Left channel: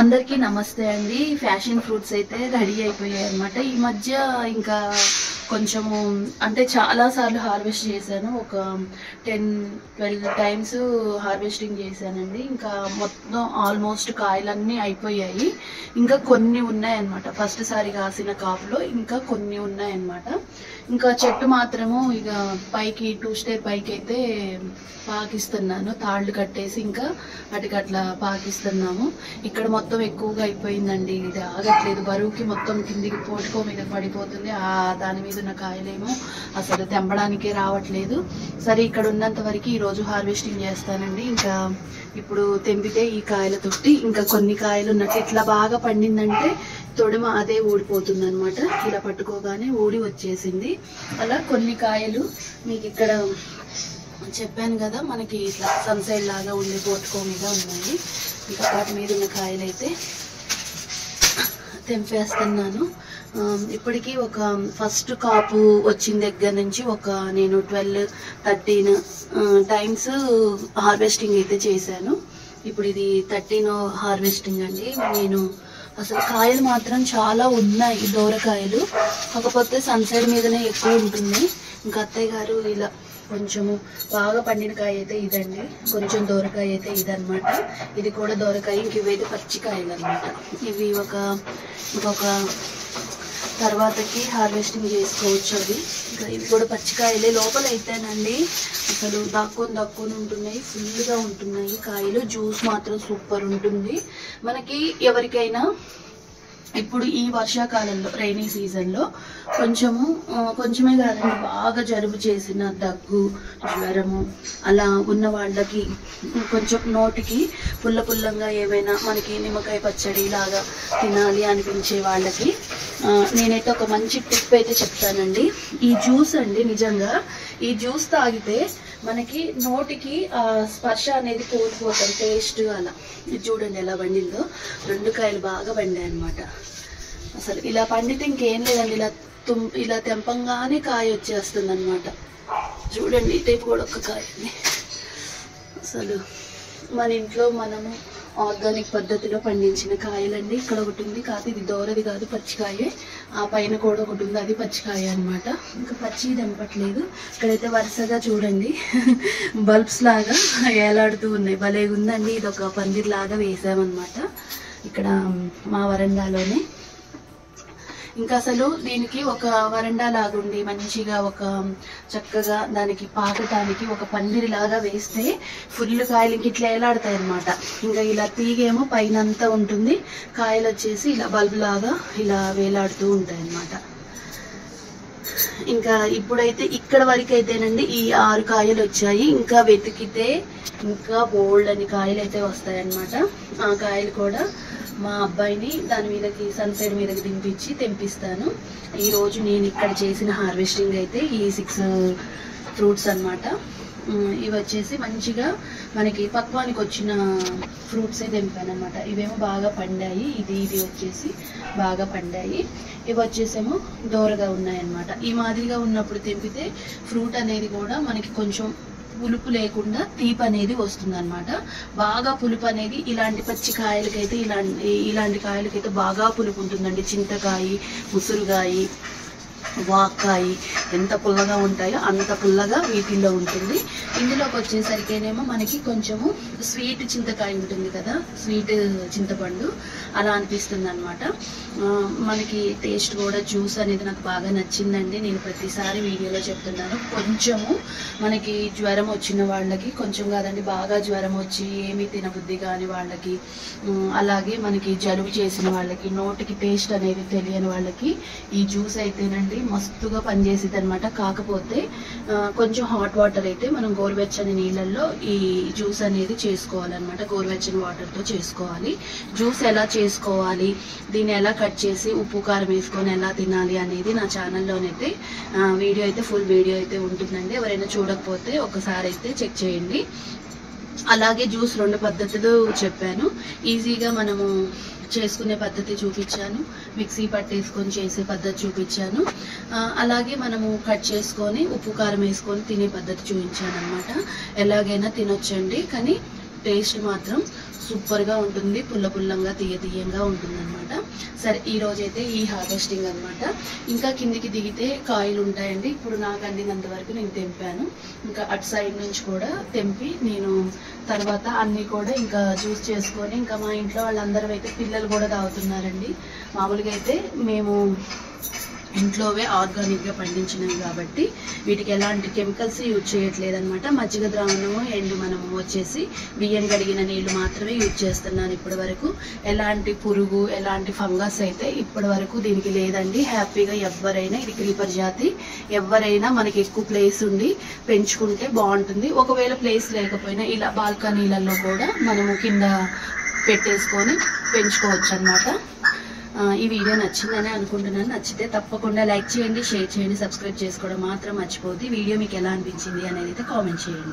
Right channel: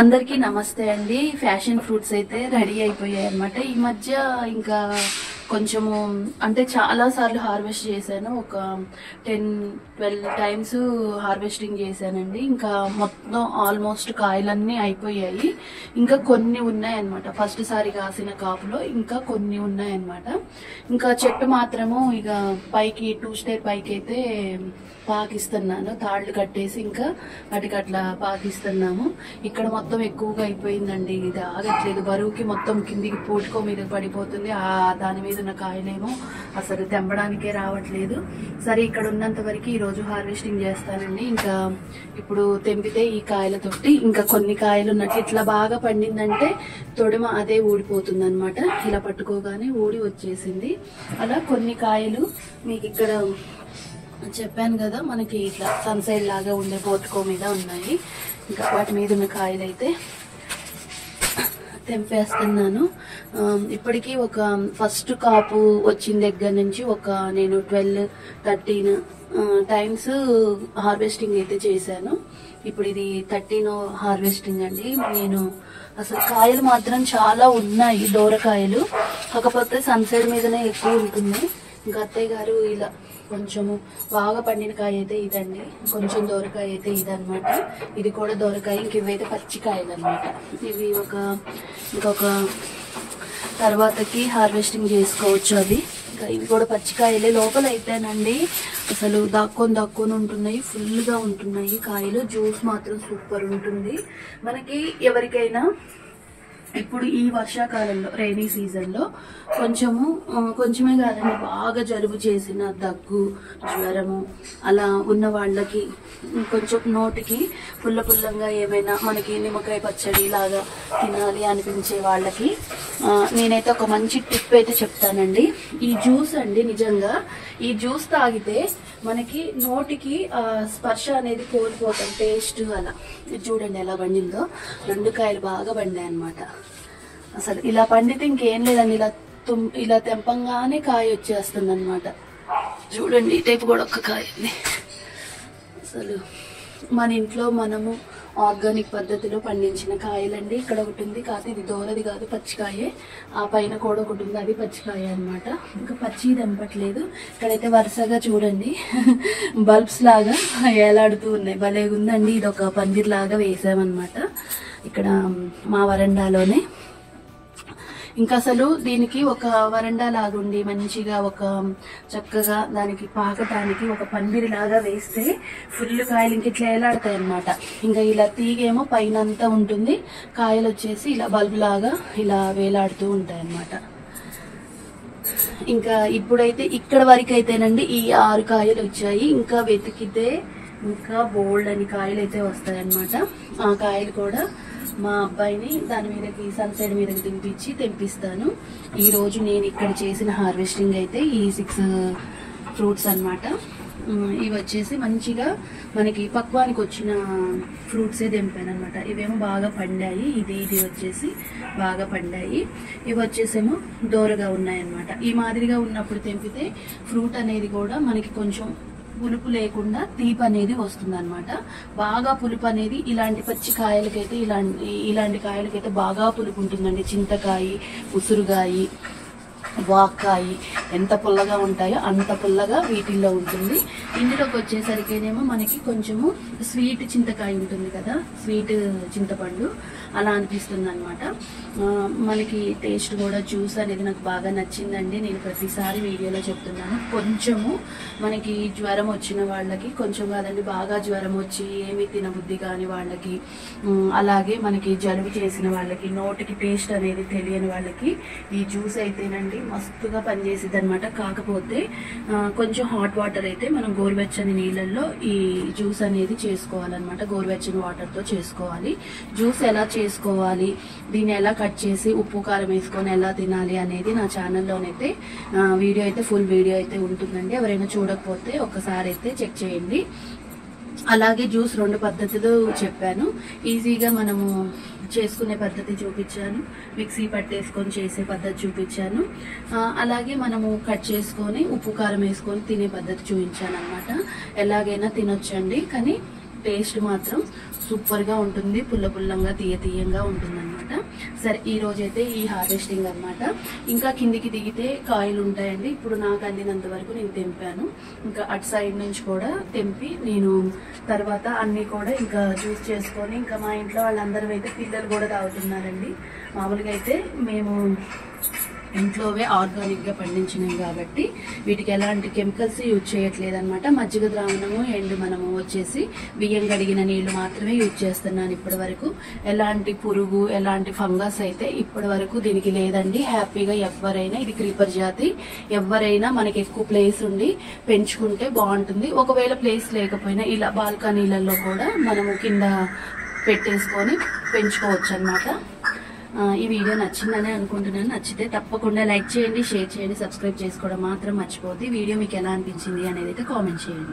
అందరికీ నమస్తే అండి. ఫ్యాషన్ ఫ్రూట్స్ అయితే రెడీ అయిపోయాయి అన్నమాట. ఈ మధ్య ఇంకా కొంచెము అంటే చాలా సార్లు హార్వెస్ట్ చేశాను. ఒక 10-12 టైమ్స్ హార్వెస్టింగ్ చేశానండి. ఇంకా మొత్తం ఆల్మోస్ట్ కాయలన్నీ అయిపోయాయి. ఇంకా కొన్ని ఉన్నాయన్నమాట. ఫస్ట్ సారి కాసిన కాపులో ఇంకా కొన్ని ఉన్నాయన్నమాట. ఇంకా చెట్టు మాత్రము ఇక పైకి 2 స్టేర్ పైకి అయితే పాకిస్తున్నాను. తాళ్ళు కట్టేసి ఇంకా వాటికి అట్లా పాకిస్తున్నాము. ఇక్కడ మొత్తం ఎక్కువగా అయిపోయిందండి. ఇది ఆగట్లేదు. బరువుకి మొత్తం కిందికి పోటుకో మీద పడిపోతుంది. దాని మీద ఉన్న కాయలేమో అసలు తెంపడానికే రావట్లేదు. సరే, ఇక్కడ ఉన్నంత వరకు ఈరోజు హార్వెస్టింగ్ చేస్తానండి. ఇంకా ఇప్పుడు తెంపితే ఈ కాయలతోటి ఇంకా కొన్ని కాయలు ఉన్నట్టు ఇట్లా బాగా పండిందంటే తొడిమ అదే ఊడిపోతుంది అనమాట. ఇలా పట్టుకోగానే ఊడి వచ్చేసింది. అలా కొన్ని కాయలు మీకు ఇక్కడ చెప్పాను కదా, మనకి ఇట్లా సన్సైడ్ లాగా ఉండే పోటుకో మీద ఉన్నాయి. ఇంకా వాటి మీద ఉన్న కాయలు అయితే తెంపేస్తున్నాను. ఇప్పటికీ ఒక ఫస్ట్ కాపు వచ్చిన దగ్గర నుంచి నేను 12-13 టైమ్స్ హార్వెస్టింగ్ అయితే చేశాను. ఇప్పుడు ఇది 13వ హార్వెస్టింగ్ అండి. నేను అసలు కాయలు మాత్రం చాలా ఉన్నాయి, దూరకాయలు. కాకపోతే సన్సైడ్ మీదనే ఎక్కువ ఉంటుంది. ఇంకా అత్తయ్య గారు ఇలా కొంచెము బాగా పండిన కాయ అయితే ఇదండి, కొంచెం దూరకాయ అయితే ఇదనమాట. ఇది కూడా దూరకాయ. ఇంక ఇవైతే పచ్చికాయలు అనమాట. ఇవి ఇంకొక తర్వాతకి హార్వెస్టింగ్ చేసుకోవచ్చు అవి. ఇంకా ఇది కూడా పచ్చికాయలే. లోపల అయితేనండి అసలు దాక్కొని ఉంటున్నాయి, ఫుల్గా ఉంటున్నాయి కాయలు. జ్యూస్ మాత్రం సూపర్ ఉంటుంది. మనకి ఎవరికైనా ఇప్పుడు ఈ వర్షాకాలంలో రైనీ సీజన్లో కొంచెమే కాదండి, బాగా జలుబు చేసిన, దగ్గు, జ్వరము అలా ఉన్న వాళ్ళకి కొంచెం నోటికి పుల్లంగా ఏమైనా మనకి నిమ్మకాయ పచ్చడి లాగా తినాలి అనిపించే వాళ్ళకి నేనైతే ఒక మంచి టిప్ అయితే చెప్తానండి. ఈ జ్యూస్ అండి, నిజంగా ఈ జ్యూస్ తాగితే మనకి నోటికి స్పర్శ అనేది కోల్పోతాం, టేస్ట్ అలా. ఇది చూడండి ఎలా పండిందో. 2 కాయలు బాగా పండాయి అనమాట. అసలు ఇలా పండితే ఇంకేం లేదండి, ఇలా తెంపంగానే కాయ వచ్చేస్తుంది అనమాట. చూడండి ఈ టైపు కూడా ఒక కాయ. అసలు మన ఇంట్లో మనము ఆర్గానిక్ పద్ధతిలో పండించిన కాయలండి. ఇక్కడ ఒకటి ఉంది, కాదు ఇది దోరది కాదు, పచ్చికాయే. ఆ పైన కూడా ఒకటి ఉంది, అది పచ్చికాయ అనమాట. ఇంకా పచ్చి తెంపట్లేదు. ఇక్కడైతే వరుసగా చూడండి బల్బ్స్ లాగా ఏలాడుతూ ఉన్నాయి. భలేగా ఉందండి. ఇది ఒక పందిర్లాగా వేసామన్నమాట ఇక్కడ మా వరండాలోనే. ఇంకా అసలు దీనికి ఒక వరండా లాగుండి మంచిగా ఒక చక్కగా దానికి పాకటానికి ఒక పందిరి లాగా వేస్తే ఫుల్ కాయలు ఇంక ఇట్లా ఏలాడతాయి అనమాట. ఇంకా ఇలా తీగేమో పైన అంతా ఉంటుంది, కాయలు వచ్చేసి ఇలా బల్బు లాగా ఇలా వేలాడుతూ ఉంటాయి అన్నమాట. ఇంకా ఇప్పుడైతే ఇక్కడ వరకు అయితేనండి ఈ 6 కాయలు వచ్చాయి. ఇంకా వెతికితే ఇంకా బోల్డ్ అని కాయలు అయితే వస్తాయి అన్నమాట. ఆ కాయలు కూడా మా అబ్బాయిని దాని మీదకి సన్సైడ్ మీదకి తెంపిస్తాను. ఈరోజు నేను ఇక్కడ చేసిన హార్వెస్టింగ్ అయితే ఈ 6 ఫ్రూట్స్ అన్నమాట. ఇవి వచ్చేసి మంచిగా మనకి పక్వానికి వచ్చిన ఫ్రూట్సే తెంపాను అనమాట. ఇవేమో బాగా పండాయి. ఇది వచ్చేసి బాగా పండాయి. ఇవి వచ్చేసేమో దూరగా ఉన్నాయన్నమాట. ఈ మాదిరిగా ఉన్నప్పుడు తెంపితే ఫ్రూట్ అనేది కూడా మనకి కొంచెం పులుపు లేకుండా తీపి అనేది వస్తుంది అనమాట. బాగా పులుపు అనేది ఇలాంటి పచ్చి కాయలకైతే ఇలాంటి కాయలకైతే బాగా పులుపు ఉంటుందండి. చింతకాయ, ఉసురుగాయి, వాక్కాయ ఎంత పుల్లగా ఉంటాయో అంత పుల్లగా వీటిల్లో ఉంటుంది. ఇందులోకి వచ్చేసరికేనేమో మనకి కొంచెము స్వీట్ చింతకాయ ఉంటుంది కదా, స్వీట్ చింతపండు అలా అనిపిస్తుంది అనమాట. మనకి టేస్ట్ కూడా జ్యూస్ అనేది నాకు బాగా నచ్చిందండి. నేను ప్రతిసారి వీడియోలో చెప్తున్నాను. కొంచెము మనకి జ్వరం వచ్చిన వాళ్ళకి, కొంచెం కాదండి బాగా జ్వరం వచ్చి ఏమి తినబుద్ధి కాని వాళ్ళకి, అలాగే మనకి జలుబు చేసిన వాళ్ళకి, నోటికి టేస్ట్ అనేది తెలియని వాళ్ళకి ఈ జ్యూస్ అయితేనండి మస్తుగా పనిచేసిద్ది అనమాట. కాకపోతే కొంచెం హాట్ వాటర్ అయితే మనం గోరువెచ్చని నీళ్ళల్లో ఈ జ్యూస్ అనేది చేసుకోవాలన్నమాట. గోరువెచ్చని వాటర్తో చేసుకోవాలి. జ్యూస్ ఎలా చేసుకోవాలి, దీన్ని ఎలా కట్ చేసి ఉప్పు కారం వేసుకొని ఎలా తినాలి అనేది నా ఛానల్లోనైతే వీడియో అయితే ఫుల్ వీడియో అయితే ఉంటుందండి. ఎవరైనా చూడకపోతే ఒకసారి అయితే చెక్ చేయండి. అలాగే జ్యూస్ 2 పద్ధతులు చెప్పాను. ఈజీగా మనము చేసుకునే పద్ధతి చూపించాను, మిక్సీ పట్టేసుకొని చేసే పద్ధతి చూపించాను. అలాగే మనము కట్ చేసుకొని ఉప్పు కారం వేసుకొని తినే పద్ధతి చూపించాను అనమాట. ఎలాగైనా తినొచ్చండి, కానీ టేస్ట్ మాత్రం సూపర్గా ఉంటుంది, పుల్లగా తీయంగా ఉంటుంది అనమాట. సరే ఈ రోజైతే ఈ హార్వెస్టింగ్ అనమాట. ఇంకా కిందికి దిగితే కాయలు ఉంటాయండి. ఇప్పుడు నాకు అందినంత వరకు నేను తెంపాను. ఇంకా అటు సైడ్ నుంచి కూడా తెంపి నేను తర్వాత అన్నీ కూడా ఇంకా జ్యూస్ చేసుకొని, ఇంకా మా ఇంట్లో వాళ్ళందరం అయితే పిల్లలు కూడా తాగుతున్నారండి. మామూలుగా అయితే మేము ఇంట్లోవే ఆర్గానిక్గా పండించినవి కాబట్టి వీటికి ఎలాంటి కెమికల్స్ యూజ్ చేయట్లేదు అనమాట. మజ్జిగ ద్రావణము అండ్ మనము వచ్చేసి బియ్యం కడిగిన నీళ్లు మాత్రమే యూజ్ చేస్తున్నాను ఇప్పటి వరకు. ఎలాంటి పురుగు ఎలాంటి ఫంగస్ అయితే ఇప్పటి వరకు దీనికి లేదండి. హ్యాపీగా ఎవరైనా, ఇది క్రీపర్ జాతి, ఎవరైనా మనకి ఎక్కువ ప్లేస్ ఉండి పెంచుకుంటే బాగుంటుంది. ఒకవేళ ప్లేస్ లేకపోయినా ఇలా బాల్కనీలలో కూడా మనము కింద పెట్టేసుకొని పెంచుకోవచ్చు అనమాట. ఈ వీడియో నచ్చిందని అనుకుంటున్నాను. నచ్చితే తప్పకుండా లైక్ చేయండి, షేర్ చేయండి, సబ్స్క్రైబ్ చేసుకోవడం మాత్రం మర్చిపోద్ది. వీడియో మీకు ఎలా అనిపించింది అనేది అయితే కామెంట్ చేయండి.